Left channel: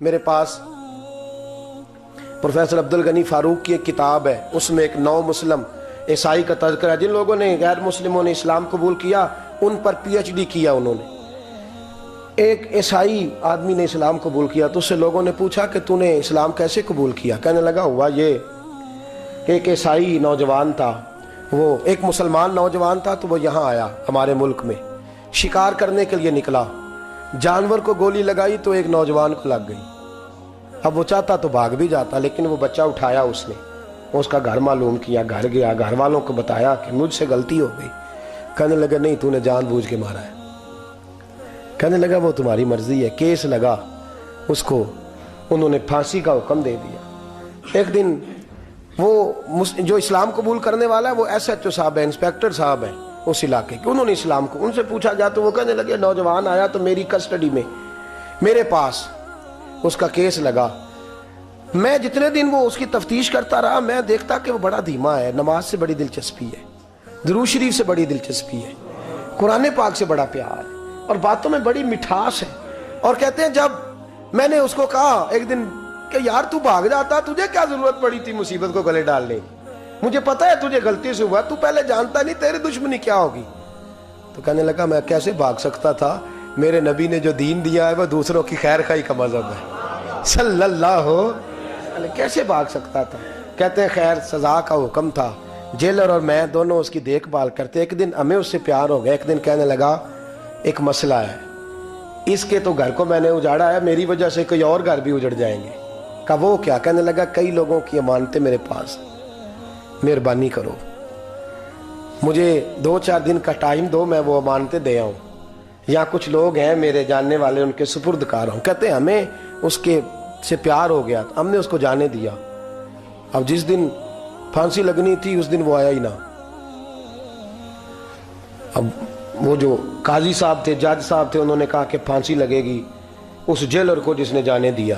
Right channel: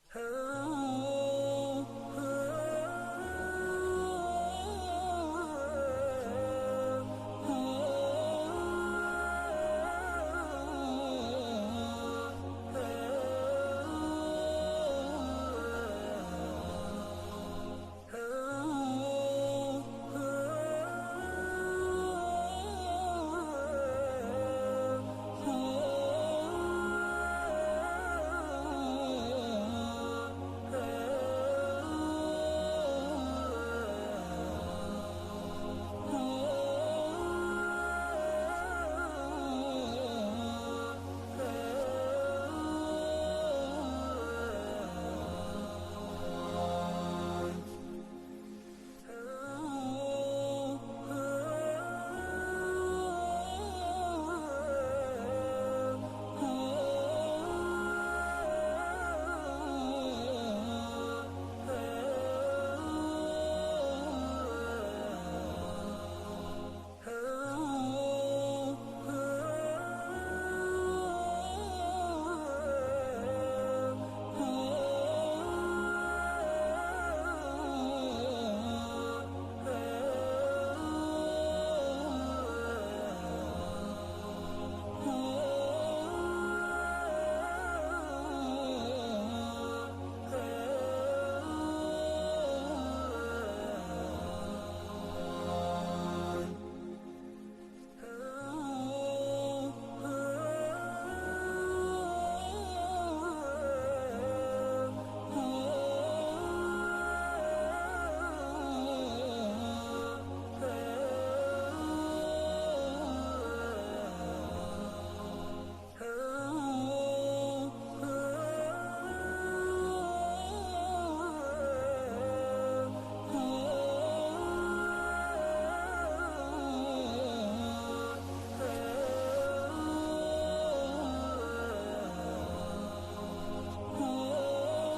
میرے پاس پروفیسر عبد الغنی فاروق کی ایک کتاب ہے، اس میں ایک نو مسلم عیسائی کا تذکرہ ہے۔ جن لوگوں نے غیر مسلموں نے اسلام قبول کیا ان پر پی ایچ ڈی کیا انہوں نے۔ ایک عیسائی آدمی نے اسلام قبول کیا تو اس سے لوگوں نے پوچھا کہ تو نے اسلام کیسے قبول کیا؟ کہنے لگا ہوا یہ کہ ایک عیسائی نوجوان تھا، وہ ایک مسلمان نوجوان تھا تو وہ یہاں آیا ہمارے ملک میں، شکار کرنے کے لیے نکلا، جانور کو گولی لگائی تو ایک نوجوان کو لگ گئی۔ اب وہ چاہتا تو بھاگ بھی جاتا، لیکن وہ بچہ اٹھایا اس نے، اس کا گھر معلوم کیا، گھر گیا، گھر والوں کو بتایا کہ مجھ سے غلطی ہو گئی۔ کہنے لگا نہیں، تو نے جان بوجھ کے مارا ہے۔ کہنے لگا وہ تمہاری مرضی ہے۔ کیس لگا، اس کو انہوں نے پھانسی کا حکم دے دیا۔ ایک دن وہ جو اسلام قبول کرنے والا ہے وہ ایس ایچ او صاحب ہے، انسپیکٹر صاحب ہے اس علاقے کے، انہوں نے اسلام کو ان سے پوچھا جا تو وہ کہنے لگے نوجوان آیا تو میری کسٹڈی میں میرے پاس اس کا کیس لگا۔ میں جتنے دن وہ اس کی تفتیش کرتا رہا میں دیکھتا کہ وہ بڑا دھیما ہے، نماز سے بڑی دلچسپی ہے، درود شریف سے بڑی دلچسپی ہے، قرآن پاک سے بڑا پیار ہے اور باتوں میں بڑی مٹھاس ہے۔ اور کہتے ہیں جب میں نے اس کو کہا ایک دن کہ یار تو بھاگ جاتا، تجھے کیا ضرورت پڑی تھی مصیبت کو گلے ڈالنے؟ مجھے پتا ہے تجھے غلطی سے ہوا، تو پہلے جانتا نہیں تیری دشمنی کیا ہوگی۔ تو کہنے لگا میں کیسے بھاگ سکتا تھا، میرے نبی نے جو دین دیا ہے وہ دوسروں کی خیر خواہی کا مذہب ہے صلی اللہ علیہ، کیسے بھاگ سکتا تھا؟ کہتے ہیں خیر سزا کا حکم تھا، جیلر اور میں دونوں اس کی دیکھ بھال کرتے۔ ایک دن ہمیں اس سے پیار ہو گیا، ایک دن کہنے لگا ایک مسئلہ ہے، اس کے تو گھر کو میں نے اجاڑا ہے، میری وجہ سے کوئی اور گھر بھی اجڑ جائیں گے۔ کہا وہ کیا؟ کہنے لگا کئی لوگوں کی امانتیں میرے پاس، مہربانی کرو مجھے 2-4 دن کا ٹائم دو، میں وہ امانتیں دے آؤں، یا کچھ لوگ ہیں میرے جاننے والے ان کے سپرد کار ہوں۔ کہتے ہیں ہمیں اس کے سے پیار ہو گیا، ہم نے اس کو جانے دیا۔ اب جس دن پھانسی لگنی تھی اس دن وہ آیا ہی نہ۔ اب وہ جو قاضی صاحب تھے، جج صاحب تھے، انہوں نے کہا کہ پھانسی لگے گی اس جیلر کو جس نے جانے دیا۔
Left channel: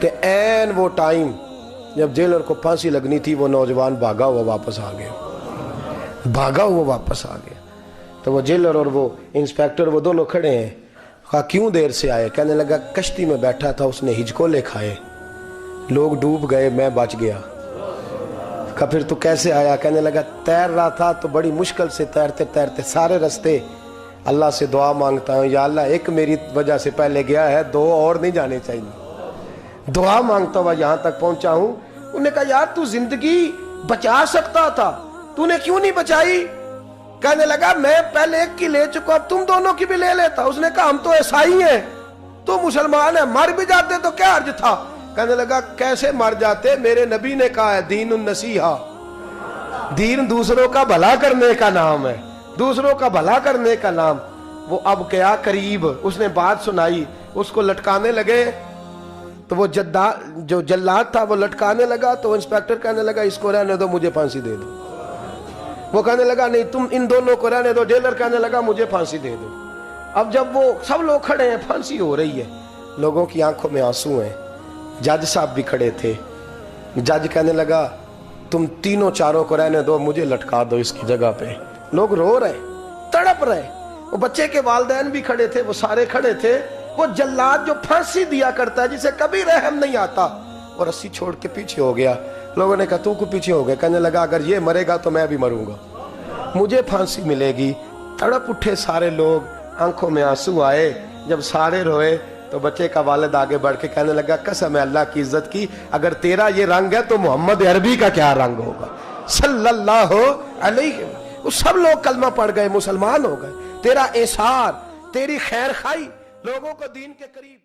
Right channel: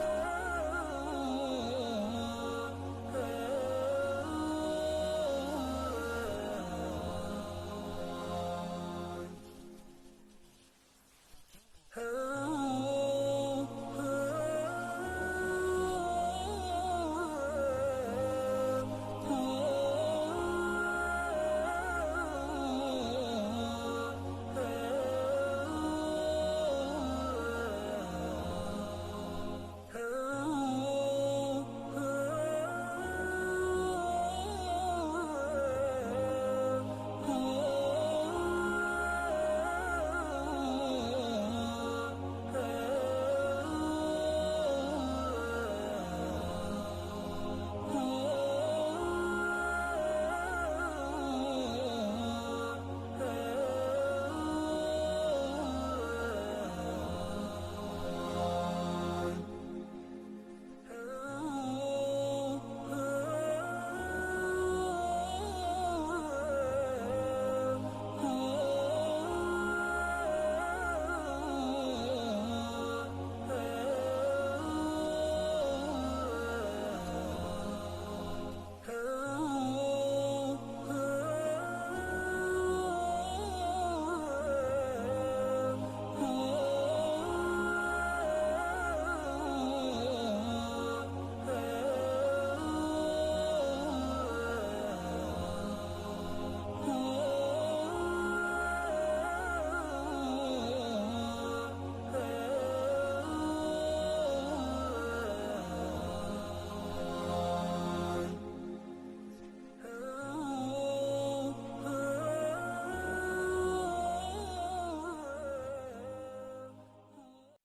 کہ این وہ ٹائم جب جیلر کو پھانسی لگنی تھی وہ نوجوان بھاگا ہوا واپس آ گیا، بھاگا ہوا واپس آ گیا۔ تو وہ جیلر اور وہ انسپیکٹر وہ دونوں کھڑے ہیں۔ کہا کیوں دیر سے آئے؟ کہنے لگا کشتی میں بیٹھا تھا، اس نے ہجکولے کھائے، لوگ ڈوب گئے، میں بچ گیا۔ کہا پھر تو کیسے آیا؟ کہنے لگا تیر رہا تھا تو بڑی مشکل سے تیرتے تیرتے سارے رستے اللہ سے دعا مانگتا ہوں، یا اللہ ایک میری وجہ سے پہلے گیا ہے، 2 اور نہیں جانے چاہیے، دعا مانگتا ہوا یہاں تک پہنچا ہوں۔ انہوں نے کہا یار تو زندگی بچا سکتا تھا، تو نے کیوں نہیں بچائی؟ کہنے لگا میں پہلے ایک کی لے چکا، اب تم دونوں کی بھی لے لیتا۔ اس نے کہا ہم تو عیسائی ہیں، تو مسلمان ہیں، مر بھی جاتے تو کیا حرج تھا؟ کہنے لگا کیسے مر جاتے؟ میرے نبی نے کہا ہے دین النصیحہ، دین دوسروں کا بھلا کرنے کا نام ہے، دوسروں کا بھلا کرنے کا نام۔ وہ اب گیا قریب، اس نے بات سنائی، اس کو لٹکانے لگے تو وہ جو جلاد تھا وہ لٹکانے لگا تو وہ انسپیکٹر کہنے لگا اس کو رہنے دو، مجھے پھانسی دے دو۔ وہ کہنے لگا نہیں تم ان دونوں کو رہنے دو۔ جیلر کہنے لگا مجھے پھانسی دے دو۔ اب جب وہ سب لوگ کھڑے ہیں، پھانسی ہو رہی ہے، لوگوں کی آنکھوں میں آنسو ہیں، جج صاحب بھی کھڑے تھے۔ جج کہنے لگا تم تینوں چاروں کو رہنے دو، مجھے لٹکا دو اس کی جگہ پہ۔ لوگ رو رہے، تڑپ رہے، وہ بچے کے والدین بھی کھڑے تھے، وہ سارے کھڑے تھے۔ وہ جلاد جو پھانسی دیا کرتا ہے جسے کبھی رحم نہیں آتا، اور رسی چھوڑ کے پیچھے ہو گیا۔ لوگوں نے کہا تو کو پیچھے ہو گئے؟ کہنے لگا اگر یہ مرے گا تو میں بھی مروں گا، مجھے پھانسی ملے گی۔ تڑپ اٹھے سارے لوگ، آنکھوں میں آنسو آئے۔ جب سارے روئے تو بچے کا والد آگے بڑھ کے کہنے لگا قسم ہے اللہ کی عزت کی، اگر تیرا یہ رنگ ہے تو محمد عربی کا کیا رنگ ہوگا صلی اللہ علیہ۔ وہ سب لوگ کلمہ پڑھ گئے، مسلمان ہو گئے۔ تیرا احسان، تیری خیر خواہی لوگوں کو دین کے قریب